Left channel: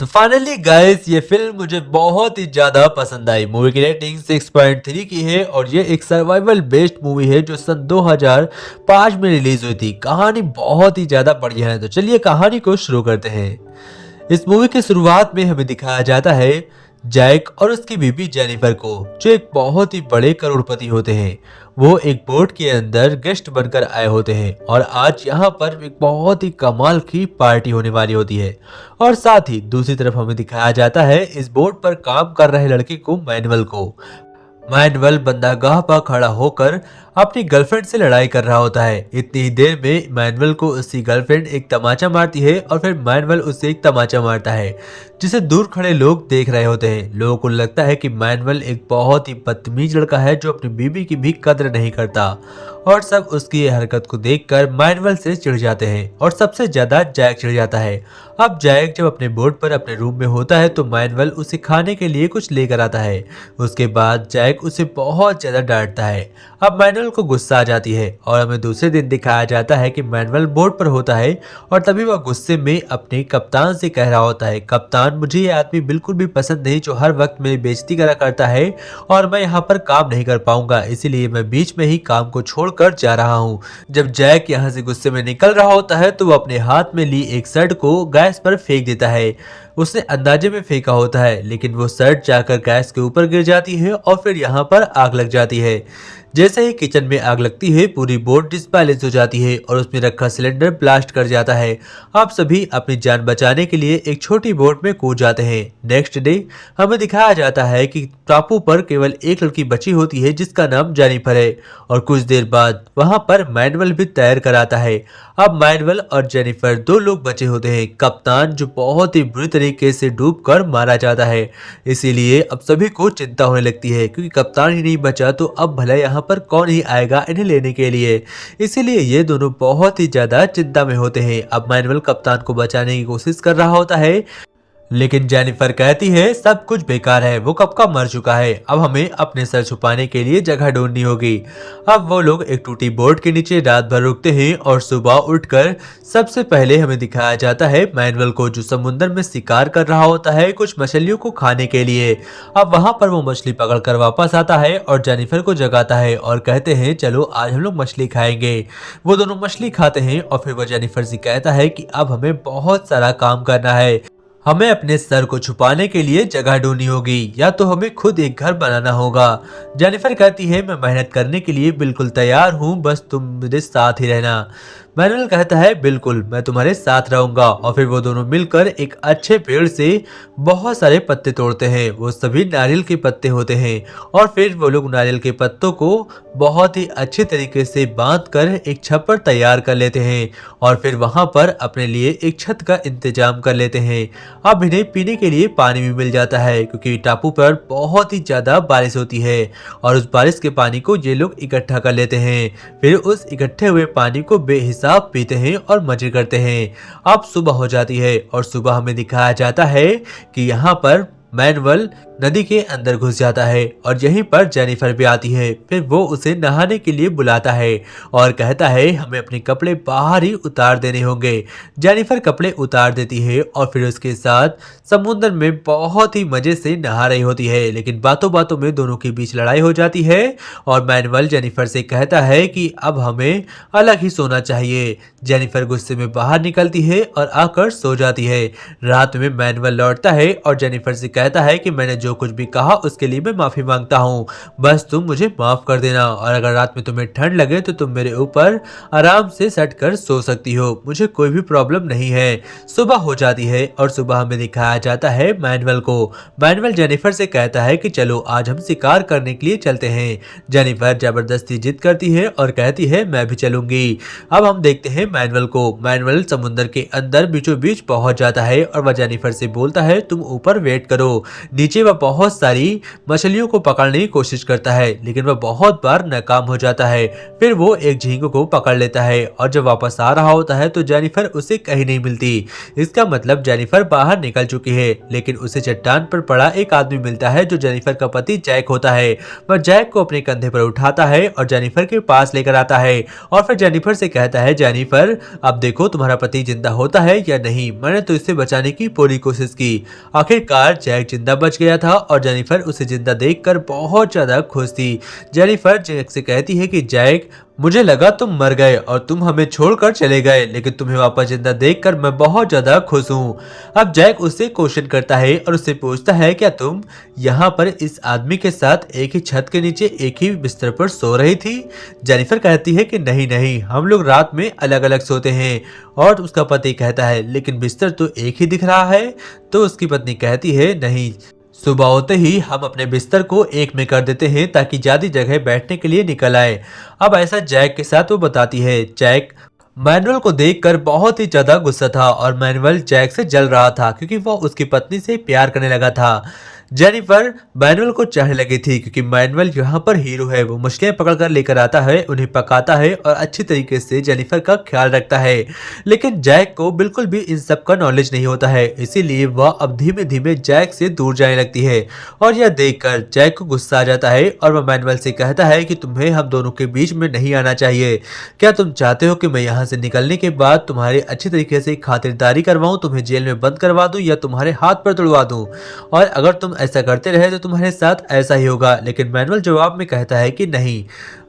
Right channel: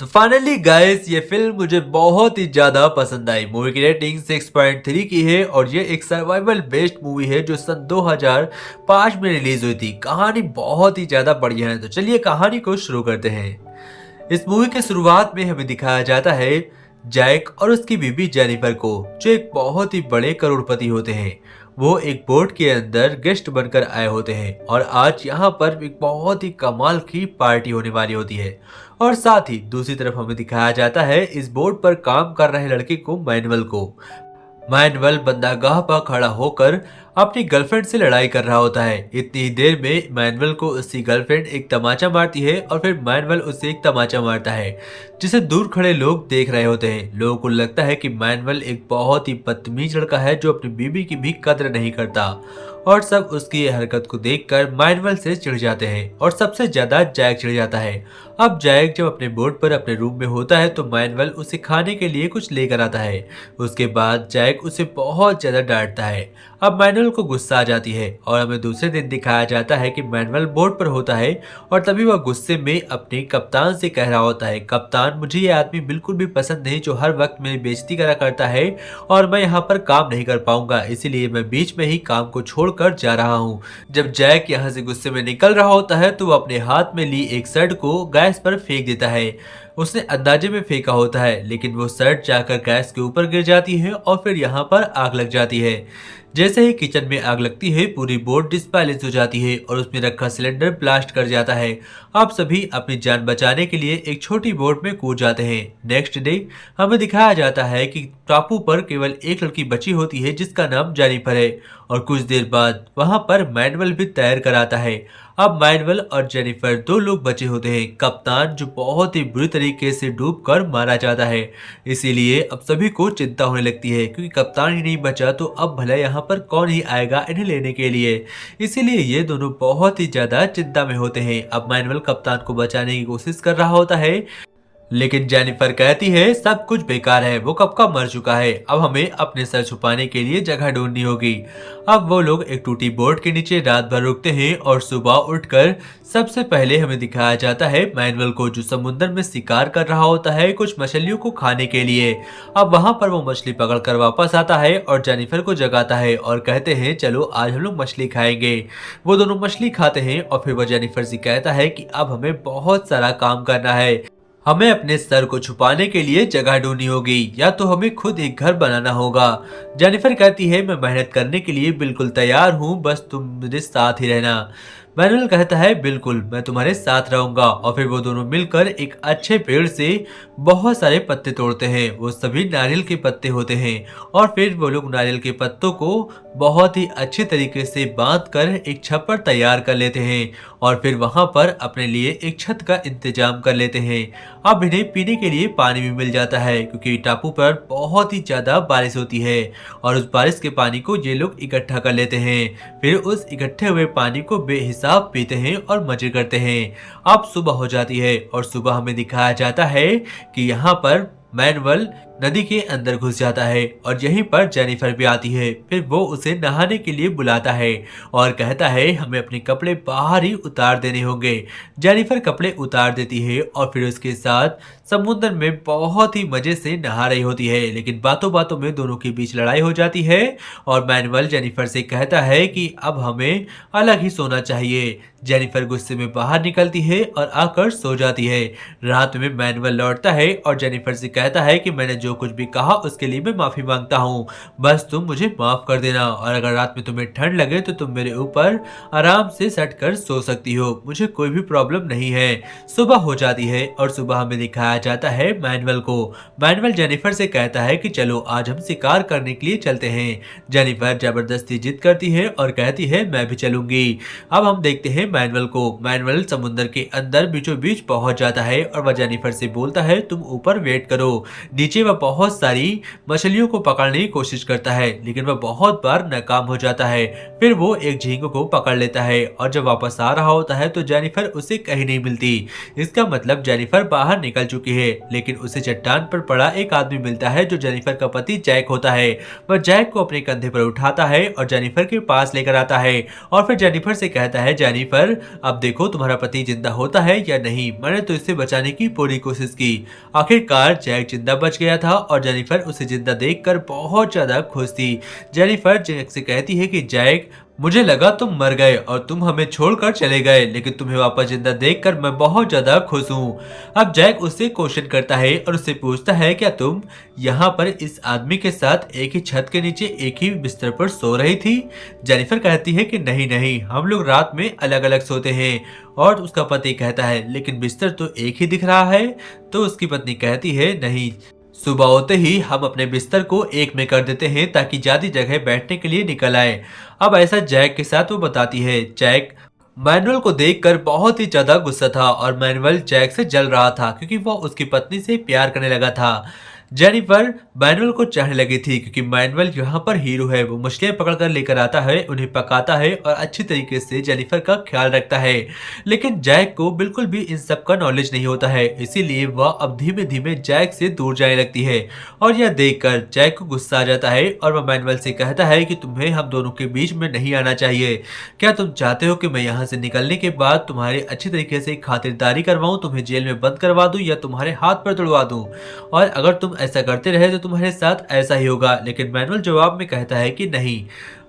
तो finally guys ये film मुझे बहुत ही ज़्यादा पसंद आई। मूवी की रेटिंग 6.3 की है और ये एक सर्वाइवल बेस्ड मूवी है जो सन 2005 में रिलीज हुई थी। कहानी बहुत ही ज़्यादा बढ़िया है, तो चलिए कहानी को शुरू करते हैं। इस मूवी की शुरुआत में हमें दिखाया जाता है जैक और उसकी बीवी जेनिफर को, जो एक बहुत ही बड़े करोड़पति होते हैं। वो एक बोट के अंदर गेस्ट बनकर आए होते हैं और आज यहाँ पर एक बहुत ही कमाल की पार्टी होने वाली होती है। और साथ ही दूसरी तरफ हमें दिखाया जाता है इस बोट पर काम कर रहे लड़के को, मैनुअल को। मैनुअल बंदरगाह पर खड़ा होकर अपनी गर्लफ्रेंड से लड़ाई कर रहा होता है। इतनी ही देर में मैनुअल को उसकी गर्लफ्रेंड एक तमाचा मारती है और फिर मैनुअल उससे एक तमाचा मारता है, जिसे दूर खड़े लोग देख रहे होते हैं। लोगों को लगता है कि मैनुअल एक बहुत ही बदतमीज लड़का है जो अपनी बीवी की भी कद्र नहीं करता। और सब उसकी यह हरकत को देखकर मैनुअल से चिढ़ जाते हैं और सबसे ज्यादा जैक चिढ़ जाता है। अब जैक जब अपने बोर्ड पर अपने रूम में होता है तो मैनुअल उसे खाने के लिए कुछ लेकर आता है। उसके बाद जैक उसे बहुत ज्यादा डांटता है। अब मैनुअल को गुस्सा आ जाती है और हमें दूसरे दिन दिखाया जाता है कि मैनुअल बोर्ड पर होता है और तभी वह गुस्से में अपने कप्तान से कह रहा होता है, कप्तान मुझे ये आदमी बिल्कुल भी पसंद नहीं जो हर वक्त मेरी बेइज्जती करा करता है और मैं यहाँ पर काम नहीं कर पाऊंगा, इसीलिए मैं बीच में ही काम को छोड़कर जा रहा हूँ। जब जैक यहाँ से गुस्से में निकल रहा होता है तो वो अपने हाथ में ली एक शर्ट को गैस पर फेंक देता है। उसने अंदाजे में फेंका होता है लेकिन वो शर्ट जाकर गैस के ऊपर गिर जाती है और फिर यहाँ पर आग लग जाती है। जैसे ही किचन में आग लगती है पूरी बोट डिसबैलेंस हो जाती है और उसमें रखा सिलेंडर ब्लास्ट कर जाता है। आप सभी अपनी जान बचाने के लिए एक छोटी बोट में कूद जाते हैं। नेक्स्ट डे हमें दिखाया जाता है कि टापू पर केवल एक लड़की बची होती है जिसका नाम जेनिफर है और कुछ देर बाद वहां पर मैनुअल भी तैर कर आता है। अब मैनुअल और जेनिफर दो लोग बचे होते हैं। कप्तान जो बहुत ही बुरी तरीके से डूबकर मारा जाता है, इसीलिए अब सभी को चिंता होने लगती है क्योंकि कप्तान ही नहीं बचा तो अब भला यहाँ पर कौन ही आएगा इन्हें लेने के लिए। इसीलिए ये दोनों बहुत ही ज्यादा चिंता में होते हैं। अब मैनुअल कप्तान को बचाने की कोशिश कर रहा होता है लेकिन जेनिफर कहती है सब कुछ बेकार है, वो कब का मर चुका है, अब हमें अपने सर छुपाने के लिए जगह ढूंढनी होगी। अब वो लोग एक टूटी बोट के नीचे रात भर रुकते हैं और सुबह उठकर सबसे पहले हमें दिखाया जाता है मैनुअल को जो समुद्र में शिकार कर रहा होता है कुछ मछलियों को खाने के लिए। अब वहां पर वो मछली पकड़कर वापस आता है और जेनिफर को जगाता है और कहते हैं चलो आज हम लोग मछली खाएंगे। वो दोनों मछली खाते हैं और फिर वो जेनिफर से कहता है कि अब हमें बहुत सारा काम करना है, हमें अपने सर को छुपाने के लिए जगह ढूंढनी होगी या तो हमें खुद एक घर बनाना होगा। जेनिफर कहती है मैं मेहनत करने के लिए बिल्कुल तैयार हूँ, बस तुम मेरे साथ ही रहना। मैनुअल कहता है बिल्कुल मैं तुम्हारे साथ रहूंगा और फिर वो दोनों मिलकर एक अच्छे पेड़ से बहुत सारे पत्ते तोड़ते हैं। वो सभी नारियल के पत्ते होते हैं और फिर वो लोग नारियल के पत्तों को बहुत ही अच्छे तरीके से बांधकर एक छप्पर तैयार कर लेते हैं और फिर वहां पर अपने लिए एक छत का इंतजाम कर लेते हैं। अब इन्हें पीने के लिए पानी भी मिल जाता है क्योंकि टापू पर बहुत ही ज्यादा बारिश होती है और उस बारिश के पानी को ये लोग इकट्ठा कर लेते हैं। फिर उस इकट्ठे हुए पानी को बेहिसाब पीते हैं और मजे करते हैं। अब सुबह हो जाती है और सुबह हमें दिखाया जाता है कि यहाँ पर मैनुअल नदी के अंदर घुस जाता है और यहीं पर जेनिफर भी आती है। फिर वो उसे नहाने के लिए बुलाता है और कहता है हमें अपने कपड़े बाहर ही उतार देने होंगे। जेनिफर कपड़े उतार देती है और फिर उसके साथ समुद्र में बहुत ही मजे से नहा रही होती है लेकिन बातों बातों में दोनों के बीच लड़ाई हो जाती है और मैनुअल जेनिफर से कहता है कि अब हमें अलग ही सोना चाहिए। जेनिफर गुस्से में बाहर निकलती है और आकर सो जाती है। रात में मैनुअल लौटता है और जेनिफर से कहता है कि मैंने जो कुछ भी कहा उसके लिए मैं माफी मांगता हूँ, बस तुम मुझे माफ कर देना और अगर रात में तुम्हें ठंड लगे तो तुम मेरे ऊपर आराम से सट कर सो सकती हो, मुझे कोई भी प्रॉब्लम नहीं है। सुबह हो जाती है और सुबह हमें दिखाया जाता है मैनुअल को। मैनुअल जेनिफर से कहता है कि चलो आज हम शिकार करने के लिए चलते हैं। जेनिफर जबरदस्ती जिद करती है और कहती है मैं भी चलूंगी। अब हम देखते हैं मैनुअल को। मैनुअल समुद्र के अंदर बीचों बीच पहुंच जाता है और वह जेनिफर से बोलता है तुम ऊपर वेट करो। नीचे वह बहुत सारी मछलियों को पकड़ने की कोशिश करता है लेकिन वह बहुत बार नाकाम हो जाता है। फिर वो एक झींगे को पकड़ लेता है और जब वापस आ रहा होता है तो जेनिफर उसे कहीं नहीं मिलती। इसका मतलब जेनिफर बाहर निकल चुकी है लेकिन उसे चट्टान पर पड़ा एक आदमी मिलता है जो जेनिफर का पति जैक होता है। वह जैक को अपने कंधे पर उठाता है और जेनिफर के पास लेकर आता है और फिर जेनिफर से कहता है जेनिफर जेनिफर, अब देखो तुम्हारा पति जिंदा होता है या नहीं, मैंने तो इसे बचाने की पूरी कोशिश की। आखिरकार जैक जिंदा बच गया था और जेनिफर उसे जिंदा देखकर बहुत ज्यादा खुश थी। जेनिफर जैक से कहती है कि जैक, मुझे लगा तुम मर गए और तुम हमें छोड़कर चले गए, लेकिन तुम्हें वापस जिंदा देखकर मैं बहुत ज्यादा खुश हूँ। अब जैक उससे क्वेश्चन करता है और उससे पूछता है, क्या तुम यहाँ पर इस आदमी के साथ एक ही छत के नीचे एक ही बिस्तर पर सो रही थी? जेनिफर कहती है कि नहीं नहीं, हम लोग रात में अलग अलग सोते हैं। और उसका पति कहता है, लेकिन बिस्तर तो एक ही दिख रहा है। तो उसकी पत्नी कहती है, नहीं, सुबह होते ही हम अपने बिस्तर को एक में कर देते हैं ताकि ज्यादा जगह बैठने के लिए निकल आए। अब ऐसा जैक के साथ वो बताती है। जैक मैनुअल को देखकर बहुत ही ज्यादा गुस्सा था और मैनुअल जैक से जल रहा था क्योंकि वो उसकी पत्नी से प्यार करने लगा था। जेनिफर मैनुअल को चाहने लगी थी क्योंकि मैनुअल यहाँ पर हीरो है। वो मछलियाँ पकड़कर लेकर आता है, उन्हें पकाता है और अच्छी तरीके से जेनिफर का ख्याल रखता है। लेकिन जैक को बिल्कुल भी इन सब का नॉलेज नहीं होता है, इसीलिए वह अब धीमे धीमे जैक से दूर जाने लगती है। और यह देखकर जैक को गुस्सा आ जाता है और वह मैनुअल से कहता है कि तुम्हें हम दोनों के बीच में नहीं आना चाहिए। क्या तुम चाहते हो कि मैं यहाँ से निकलने के बाद तुम्हारी अच्छी तरीके से खातिरदारी करवाऊं, तुम्हें जेल में बंद करवा दूं या तुम्हारे हाथ पर तुड़वा दूं? और अगर तुम ऐसा करते रहे तो तुम्हारे साथ ऐसा ही होगा। लेकिन मैनुअल जवाब में कहता है कि नहीं,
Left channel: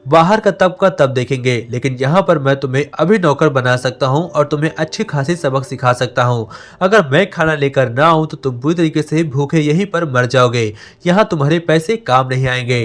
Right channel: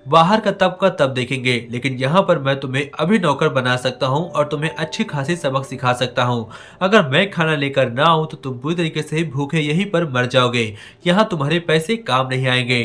बाहर का तब देखेंगे, लेकिन यहाँ पर मैं तुम्हें अभी नौकर बना सकता हूँ और तुम्हें अच्छी खासी सबक सिखा सकता हूँ। अगर मैं खाना लेकर ना आऊँ तो तुम पूरी तरीके से भूखे यहीं पर मर जाओगे। यहाँ तुम्हारे पैसे काम नहीं आएंगे।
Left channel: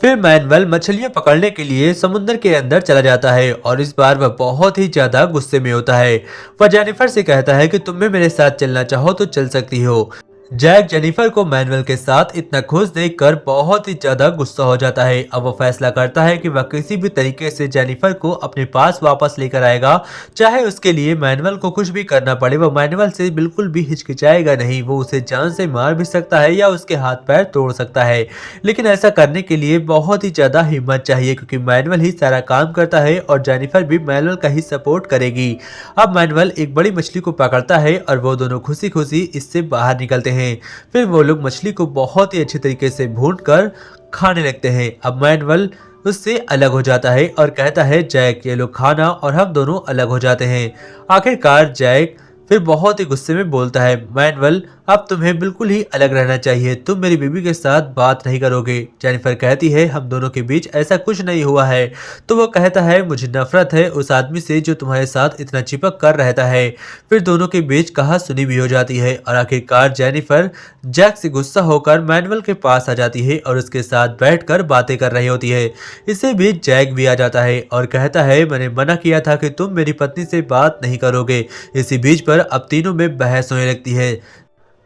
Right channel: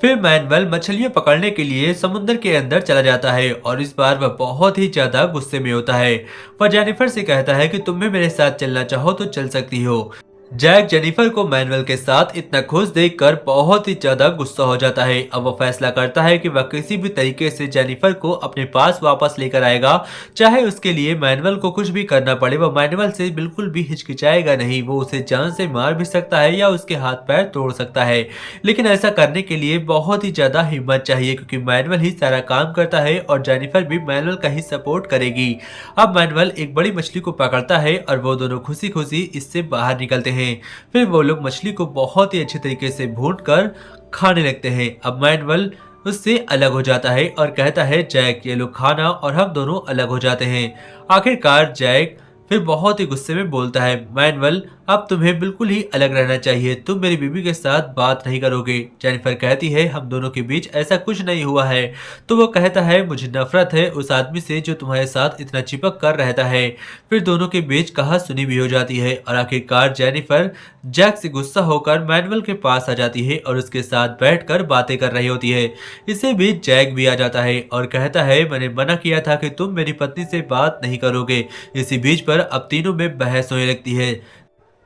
फिर मैनुअल मछलियां पकड़ने के लिए समुद्र के अंदर चला जाता है और इस बार वह बहुत ही ज्यादा गुस्से में होता है। वह जेनिफर से कहता है कि तुम भी मेरे साथ चलना चाहो तो चल सकती हो। जैक जेनिफर को मैनुअल के साथ इतना खुश देखकर बहुत ही ज्यादा गुस्सा हो जाता है। अब वह फैसला करता है कि वह किसी भी तरीके से जेनिफर को अपने पास वापस लेकर आएगा, चाहे उसके लिए मैनुअल को कुछ भी करना पड़े। वह मैनुअल से बिल्कुल भी हिचकिचाएगा नहीं। वो उसे जान से मार भी सकता है या उसके हाथ पैर तोड़ सकता है, लेकिन ऐसा करने के लिए बहुत ही ज्यादा हिम्मत चाहिए क्योंकि मैनुअल ही सारा काम करता है और जेनिफर भी मैनुअल का ही सपोर्ट करेगी। अब मैनुअल एक बड़ी मछली को पकड़ता है और वो दोनों खुशी खुशी इससे बाहर निकलते हैं। फिर वो लोग मछली को बहुत ही अच्छी तरीके से भून कर खाने लगते हैं। अब मैनुअल उससे अलग हो जाता है और कहता है, जैक ये लोग खाना, और हम दोनों अलग हो जाते हैं। आखिरकार जैक फिर बहुत ही गुस्से में बोलता है, मैनुअल अब तुम्हें बिल्कुल ही अलग रहना चाहिए, तुम मेरी बीवी के साथ बात नहीं करोगे। जेनिफर कहती है, हम दोनों के बीच ऐसा कुछ नहीं हुआ है। तो वो कहता है, मुझे नफरत है उस आदमी से जो तुम्हारे साथ इतना चिपक कर रहता है। फिर दोनों के बीच कहा सुनी भी हो जाती है और आखिरकार जेनिफर जैक से गुस्सा होकर मैनुअल के पास आ जाती है और उसके साथ बैठकर बातें कर रही होती है। इसी बीच जैक भी आ जाता है और कहता है, मैंने मना किया था कि तुम मेरी पत्नी से बात नहीं करोगे। इसी बीच पर अब तीनों में बहस होने लगती है।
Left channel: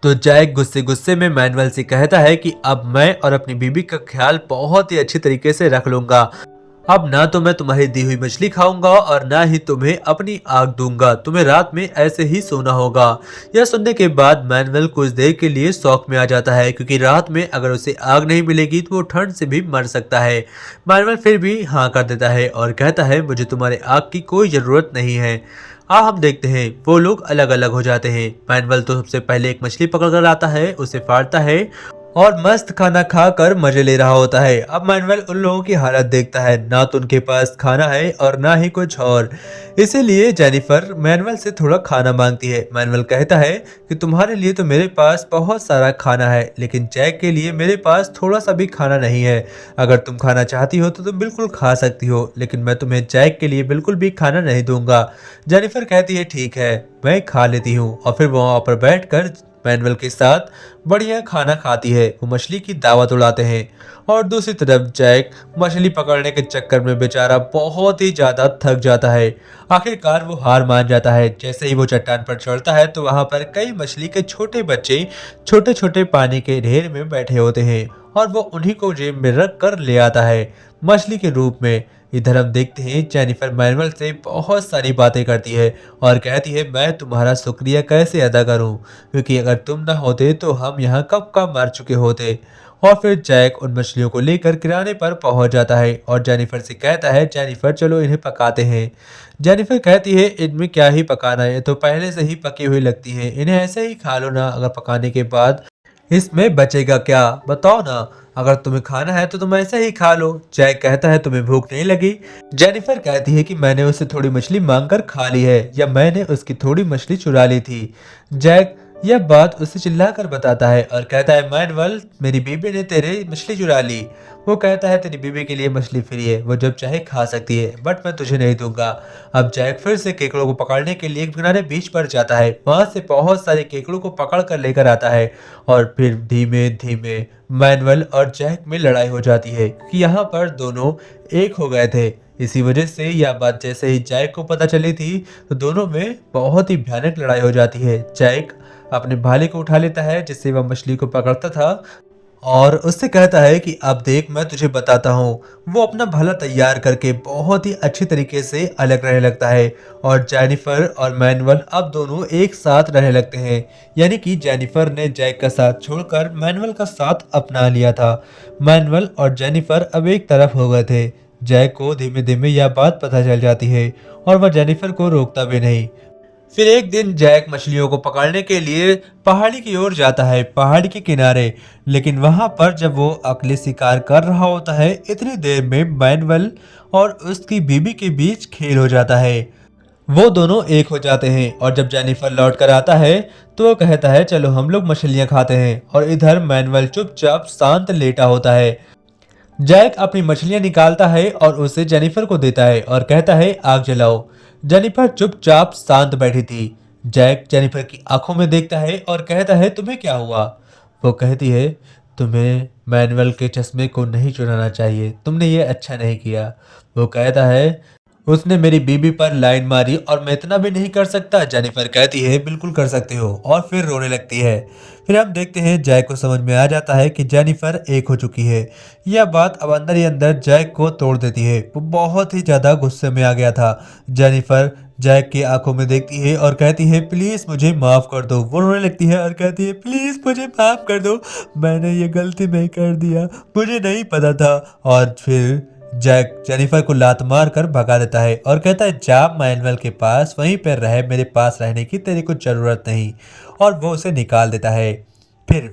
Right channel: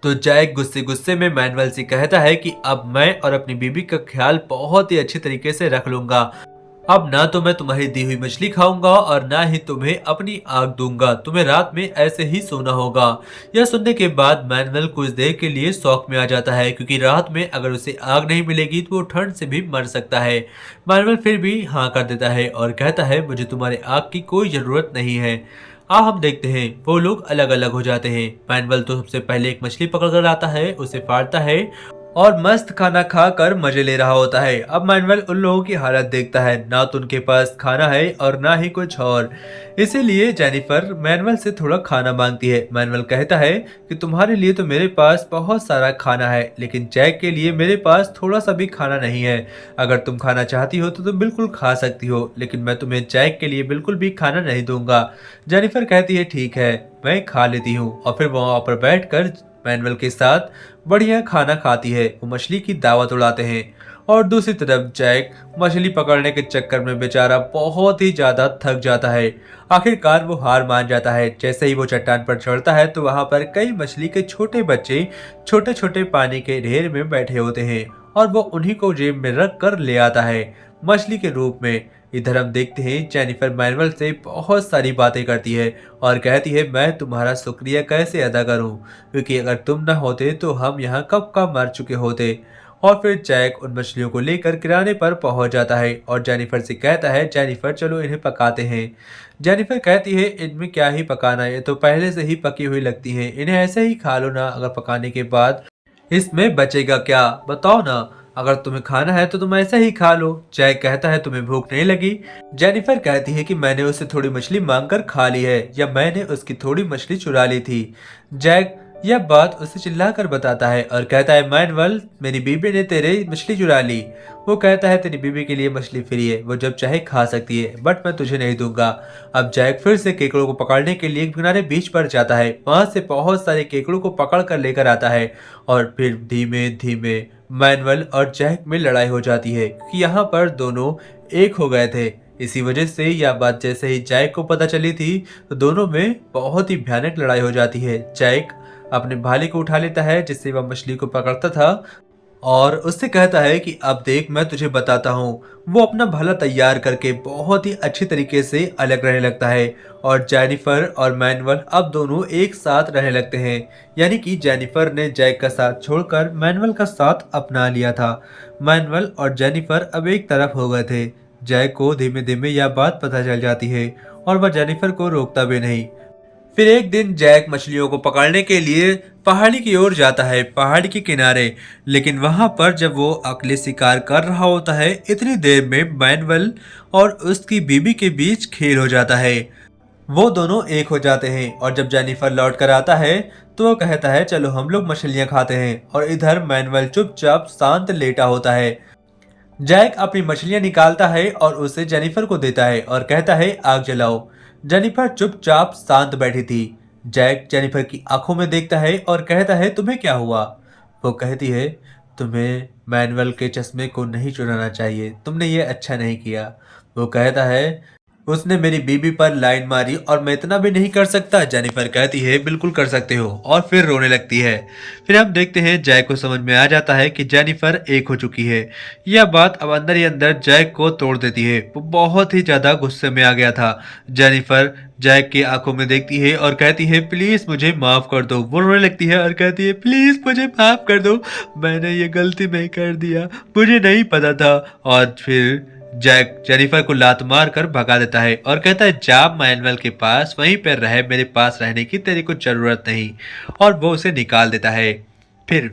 तो जैक गुस्से गुस्से में मैनुअल से कहता है कि अब मैं और अपनी बीबी का ख्याल बहुत ही अच्छे तरीके से रख लूंगा। अब ना तो मैं तुम्हारी दी हुई मछली खाऊंगा और ना ही तुम्हें अपनी आग दूंगा। तुम्हें रात में ऐसे ही सोना होगा। यह सुनने के बाद मैनुअल कुछ देर के लिए शौक में आ जाता है क्योंकि रात में अगर उसे आग नहीं मिलेगी तो वो ठंड से भी मर सकता है। मैनुअल फिर भी हाँ कर देता है और कहता है, मुझे तुम्हारे आग की कोई जरूरत नहीं है। अब हम देखते हैं वो लोग अलग अलग हो जाते हैं। मैनुअल तो सबसे पहले एक मछली पकड़ कर आता है, उसे फाड़ता है और मस्त खाना खाकर मजे ले रहा होता है। अब मैनुअल उन लोगों की हालत देखता है, ना तो उनके पास खाना है और ना ही कुछ और। इसीलिए जेनिफर मैनुअल से थोड़ा खाना मांगती है। मैनुअल कहता है कि तुम्हारे लिए तो मेरे पास बहुत सारा खाना है, लेकिन जैक के लिए मेरे पास थोड़ा सा भी खाना नहीं है। अगर तुम खाना चाहती हो तो तुम बिल्कुल खा सकती हो, लेकिन मैं तुम्हें जैक के लिए बिल्कुल भी खाना नहीं दूंगा। जेनिफर कहती है, ठीक है, मैं खा लेती हूँ। और फिर वो वहाँ पर बैठकर मैनुअल के साथ बढ़िया खाना खाती है। वो मछली की दावत उड़ाते हैं और दूसरी तरफ जैक मछली पकड़ने के चक्कर में बेचारा बहुत ही ज्यादा थक जाता है। आखिरकार वो हार मान जाता है। जैसे ही वो चट्टान पर चढ़ता है तो वहां पर कई मछली के छोटे बच्चे छोटे छोटे पानी के ढेर में बैठे होते हैं और वो उन्हीं को जेब में रख कर ले आता है मछली के रूप में। इधर हम देखते हैं जेनिफर मैनुअल से बहुत सारी बातें करती है और कहती है, मैं तुम्हारा शुक्रिया कैसे अदा करूं, क्योंकि अगर तुम न होते तो हम यहाँ कब का मर चुके होते। और फिर जैक उन मछलियों को लेकर किराने पर पहुंच जाता है और जेनिफर से कहता है, जेनिफर चलो इन्हें पकाते हैं। जेनिफर कहती है, इनमें क्या ही पकाना है, ये तो पहले से ही पकी हुई लगती है, इन्हें ऐसे ही खा लो ना। अगर पकाने के बाद इसमें बचेगा क्या, बताओ ना। अगर तुम्हें खाना है तो तुम ऐसा ही खा लो। जैक कहता है तुम्हें भूख नहीं लगी? जेनिफर कहती है कि मैंने उससे थोड़ी मछली मांगकर खा ली है, या मैंने उसकी थोड़ी मछली चुरा ली थी। जैक यह बात उसे चिल्लाकर बताता है और कहता है मैनुअल, मेरी बीबी ने तेरे मछली चुरा ली। वो कहता है तेरी बीबी के लिए मछली फ्री है, वो जब चाहे खा सकती है, बट मैं तुझे नहीं दूंगा। अब जैक फिर से केकड़ों को पकड़ने के लिए किनारे बीच पर जाता है, वहां से बहुत सारे केकड़ों को पकड़ कर लेकर आता है और फिर धीमे धीमे मैनुअल और जैक में लड़ाई हो जाती है कि यहाँ पर दोनों एक हो गए थे। इसी वजह से यह बात जैसे ही जैक को पता चली थी तो दोनों में बहुत ही भयानक लड़ाई हो जाती है। जैक अपने भाले को उठा लेता है जिससे वह मछली को पकड़ता था और उससे कहता है कि अब देख मैं तुझे बताता हूँ। वो अपना भाला तैयार करके बहुत ही अच्छी तरीके से अलग रहने लगता है और जेनिफर और मैनुअल अब दोनों एक साथ रहने लगते हैं। यानी कि जेनिफर ने जैक का साथ छोड़कर मैनुअल का साथ अपना लिया था। मैनुअल और जेनिफर अब एक तरफ हो गए थे। जैक को धीमे धीमे यह बात पता चल जाती है और वह जेनिफर को रोकता भी नहीं। फिर एक दिन जैक मछलियों को पकड़ने के लिए पहाड़ी की ओर जाता है, पहाड़ी के किनारे। लेकिन वहां पर जब वो अकेले शिकार कर रहा होता है, इतनी देर में मैनुअल और उसकी बीबी के बीच खेल हो जाता है। वो दोनों एक हो जाते हैं और जब जेनिफर लौट कर आता है तो वो कहता है चलो हम लोग मछलियां खाते हैं, और इधर मैनुअल चुपचाप शांत लेटा होता है। जैक अपनी मछलियां निकालता है और उसे जेनिफर को देता है और कहता है आग जलाओ। जेनिफर चुपचाप शांत बैठी थी। जैक जेनिफर की आंखों में देखता है और कहता है तुम्हें क्या हुआ? वो कहती है तुम्हें मैनुअल के चश्मे को नहीं चुराना चाहिए, तुमने ये अच्छा नहीं किया। वो कहता है उसने मेरी बीबी पर लाइन मारी और मैं इतना भी नहीं कर सकता। जेनिफर कहती है बिल्कुल कर सकते हो, और फिर रोने लगती है। फिर हम देखते हैं जैक को समझ में आ जाता है कि जेनिफर एक हो चुकी है। यह बात अब अंदर ही अंदर जैक को तोड़ देती है। वो बहुत ही ज्यादा गुस्से में आ गया था। जेनिफर जैक की आंखों में देखती है और कहती है प्लीज मुझे माफ कर दो। वो रोने लगती है और कहती है प्लीज मुझे माफ कर दो, मैंने ये गलती नहीं कर दिया, मुझे नहीं पता था। और फिर जैक जेनिफर को लात मार कर भगा देता है और कहता है जा मैनुअल के पास वहीं पर रहे, मेरे पास रहने की तेरी कुछ जरूरत नहीं। और वो उसे निकाल देता है। फिर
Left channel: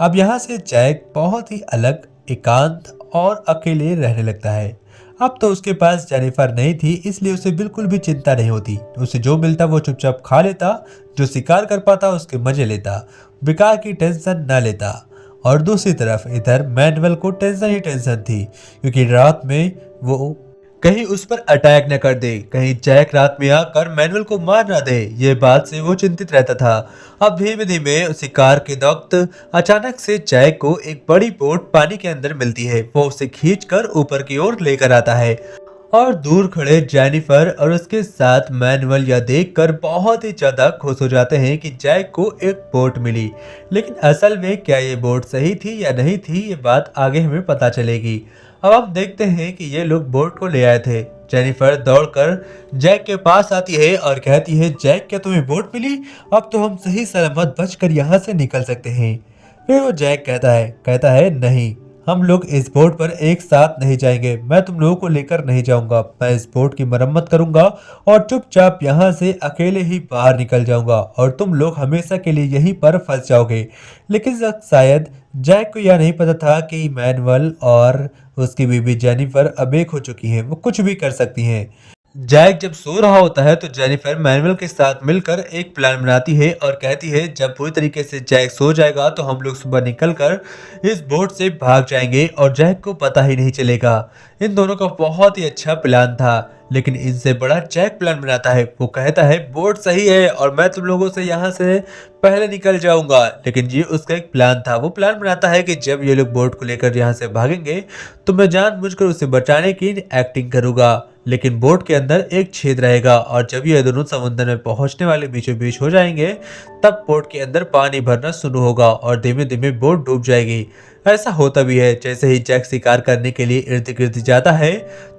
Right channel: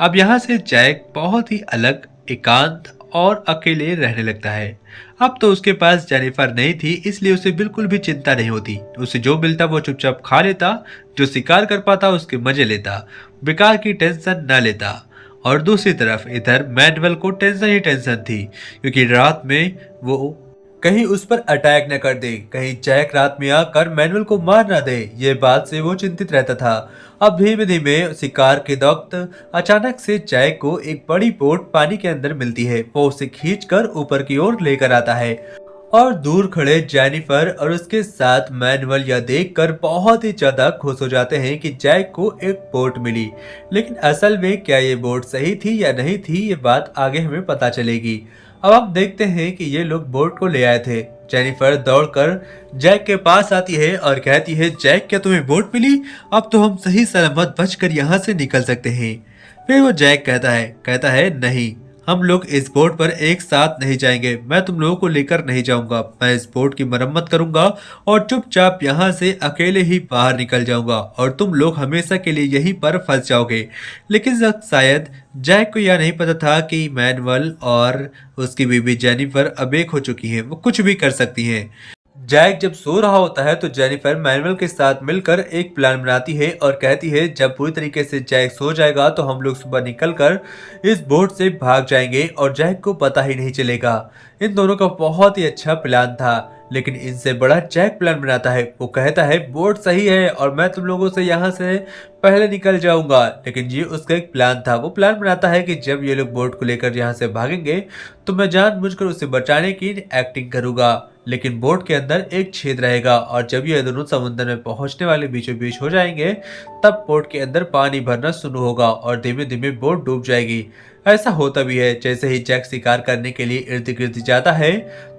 अब यहाँ से जैक बहुत ही अलग, एकांत और अकेले रहने लगता है। अब तो उसके पास जेनिफर नहीं थी, इसलिए उसे बिल्कुल भी चिंता नहीं होती। उसे जो मिलता वो चुपचाप खा लेता, जो शिकार कर पाता उसके मजे लेता, बेकार की टेंशन न लेता। और दूसरी तरफ इधर मैनुअल को टेंशन ही टेंशन थी, क्योंकि रात में वो कहीं उस पर अटैक न कर दे, कहीं जैक रात में आकर मैनुअल को मार ना दे। ये बात से वो चिंतित रहता था। अब धीमे धीमे शिकार के वक्त अचानक से जैक को एक बड़ी बोट पानी के अंदर मिलती है। वो उसे खींचकर ऊपर की ओर लेकर आता है और दूर खड़े जेनिफर और उसके साथ मैनुअल यह देखकर बहुत ही ज्यादा खुश हो जाते हैं कि जैक को एक बोट मिली। लेकिन असल में क्या ये बोट सही थी या नहीं थी, ये बात आगे हमें पता चलेगी। अब हम देखते हैं कि ये लोग बोट को ले आए थे। जेनिफर दौड़कर जैक के पास आती है और कहती है जैक क्या तुम्हें बोट मिली? अब तो हम सही सलामत बचकर यहाँ से निकल सकते हैं। फिर वो जैक कहता है नहीं, हम लोग इस बोट पर एक साथ नहीं जाएंगे, मैं तुम लोगों को लेकर नहीं जाऊंगा। मैं इस बोट की मरम्मत करूंगा और चुपचाप यहाँ से अकेले ही बाहर निकल जाऊंगा और तुम लोग हमेशा के लिए यहीं पर फंस जाओगे। लेकिन शायद जैक को यह नहीं पता था कि मैनुअल और उसकी बीबी जेनिफर अब एक हो चुकी हैं, वो कुछ भी कर सकती हैं। जैक जब सो रहा होता है तो जेनिफर मैनुअल के साथ मिलकर एक प्लान बनाती है और कहती है जब पूरी तरीके से जैक सो जाएगा तो हम लोग सुबह निकलकर इस बोट से भाग जाएंगे और जैक को पता ही नहीं चलेगा। इन दोनों का बहुत ही अच्छा प्लान था, लेकिन इनसे बड़ा जैक प्लान बनाता है। वो कहता है बोट सही है और मैं तुम लोगों से यहाँ से पहले निकल जाऊंगा, लेकिन ये उसका एक प्लान था। वो प्लान बनाता है कि जब ये लोग बोट को लेकर यहाँ से भागेंगे तो मैं जानबूझकर उसे बचाने की एक्टिंग करूंगा, लेकिन बोट के अंदर एक छेद रहेगा और जब ये दोनों समुद्र में पहुंचने वाले बीचों बीच हो जाएंगे तब बोट के अंदर पानी भरना शुरू होगा और धीमे धीमे बोट डूब जाएगी। ऐसा होता भी है। जैसे ही जैक शिकार करने के लिए इर्द गिर्द जाता है,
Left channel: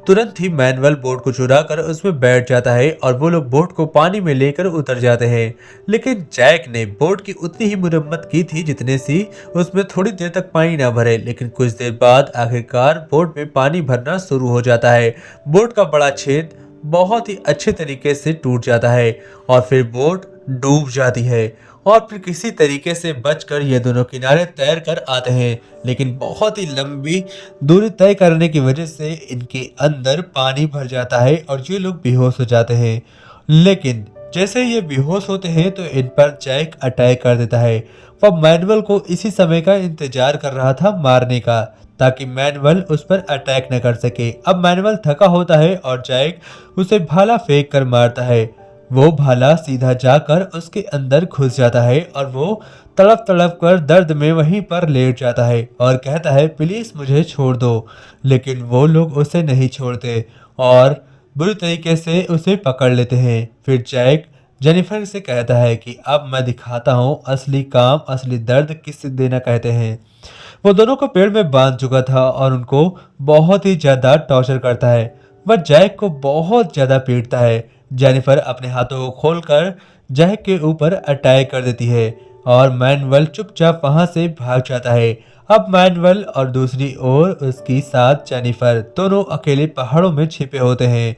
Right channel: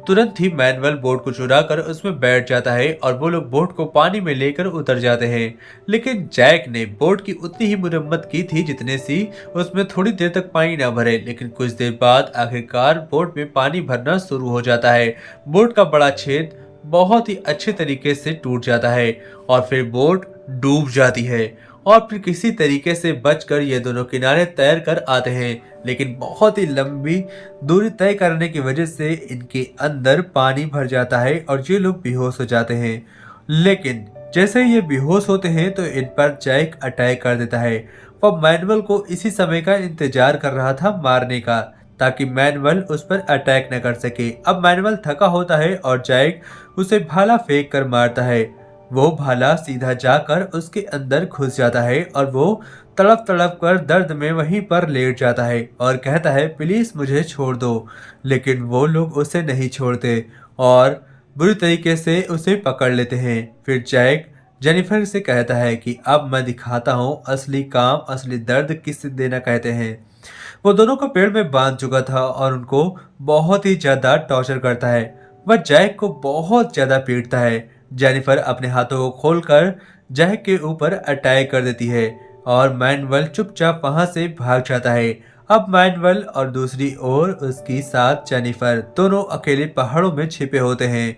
तुरंत ही मैनुअल बोट को चुरा कर उसमें बैठ जाता है और वो लोग बोट को पानी में लेकर उतर जाते हैं। लेकिन जैक ने बोट की उतनी ही मुरम्मत की थी जितने सी उसमें थोड़ी देर तक पानी ना भरे, लेकिन कुछ देर बाद आखिरकार बोट में पानी भरना शुरू हो जाता है। बोट का बड़ा छेद बहुत ही अच्छे तरीके से टूट जाता है और फिर बोट डूब जाती है और फिर किसी तरीके से बचकर ये दोनों किनारे तैर कर आते हैं। लेकिन बहुत ही लंबी दूरी तय करने की वजह से इनके अंदर पानी भर जाता है और ये लोग बेहोश हो जाते हैं। लेकिन जैसे ही ये बेहोश होते हैं तो इन पर जैक अटैक कर देता है। वह मैनुअल को इसी समय का इंतजार कर रहा था मारने का, ताकि मैनुअल उस पर अटैक न कर सके। अब मैनुअल थका होता है और जैक उसे भाला फेंक कर मारता है। वो भाला सीधा जाकर उसके अंदर घुस जाता है और वो तड़प तड़प कर दर्द में वहीं पर लेट जाता है और कहता है प्लीज मुझे छोड़ दो। लेकिन वो लोग उसे नहीं छोड़ते और बुरी तरीके से उसे पकड़ लेते हैं। फिर जैक जेनिफर से कहता है कि अब मैं दिखाता हूँ असली काम, असली दर्द किसे देना कहते हैं। वो दोनों को पेड़ में बांध चुका था और उनको बहुत ही ज्यादा टॉर्चर करता है। वह जैक को बहुत ज्यादा पीटता है। जेनिफर अपने हाथों को खोलकर जैक के ऊपर अटैक कर देती है और मैनुअल चुपचाप वहां से भाग जाता है। अब मैनुअल और दूसरी ओर उसकी साथ जेनिफर दोनों अकेले पहाड़ों में छिपे होते हैं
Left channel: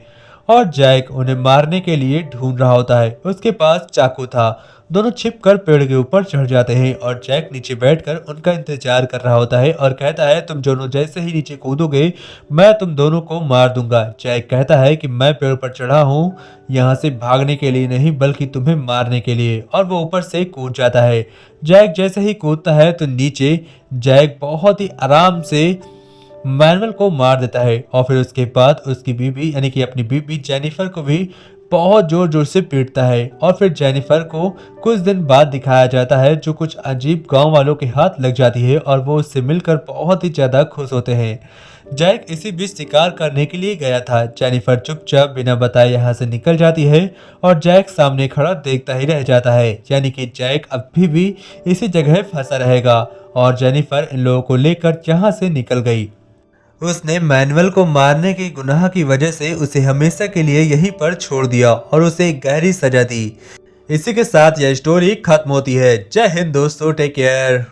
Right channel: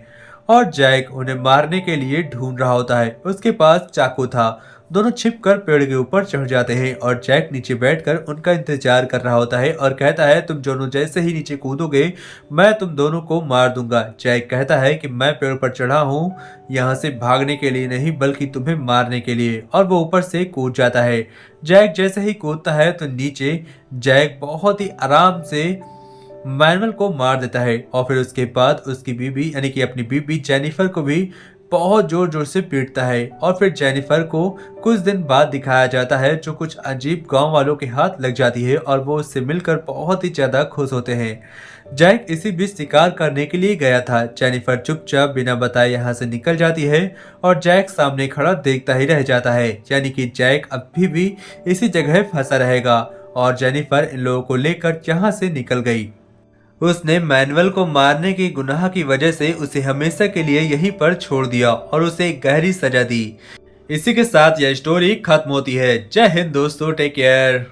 और जैक उन्हें मारने के लिए ढूंढ रहा होता है। उसके पास चाकू था। दोनों छिपकर पेड़ के ऊपर चढ़ जाते हैं और जैक नीचे बैठकर उनका इंतजार कर रहा होता है और कहता है तुम दोनों जैसे ही नीचे कूदोगे मैं तुम दोनों को मार दूंगा। जैक कहता है कि मैं पेड़ पर चढ़ा हूँ यहाँ से भागने के लिए नहीं बल्कि तुम्हें मारने के लिए, और वो ऊपर से कूद जाता है। जैक जैसे ही कूदता है तो नीचे जैक बहुत ही आराम से मैनुअल को मार देता है और फिर उसके बाद उसकी बीबी यानी कि अपनी बीबी जेनिफर को भी बहुत जोर जोर से पीटता है। और फिर जेनिफर को कुछ दिन बाद दिखाया जाता है जो कुछ अजीब गांव वालों के हाथ लग जाती है और वो उससे मिलकर बहुत ही ज्यादा खुश होते हैं। जैक इसी बीच शिकार करने के लिए गया था। जेनिफर चुपचाप बिना बताए यहाँ से निकल जाती है और जैक सामने खड़ा देखता ही रह जाता है, यानी कि जैक अभी भी इसी जगह फंसा रहेगा। और जेनिफर इन लोगों को लेकर यहाँ से निकल गई। उसने मैनुअल को मारने की गुनाह की वजह से उसे हमेशा के लिए यहीं पर छोड़ दिया और उसे एक गहरी सजा दी। इसी के साथ यह स्टोरी खत्म होती है। जय हिंद दोस्तों, टेक केयर।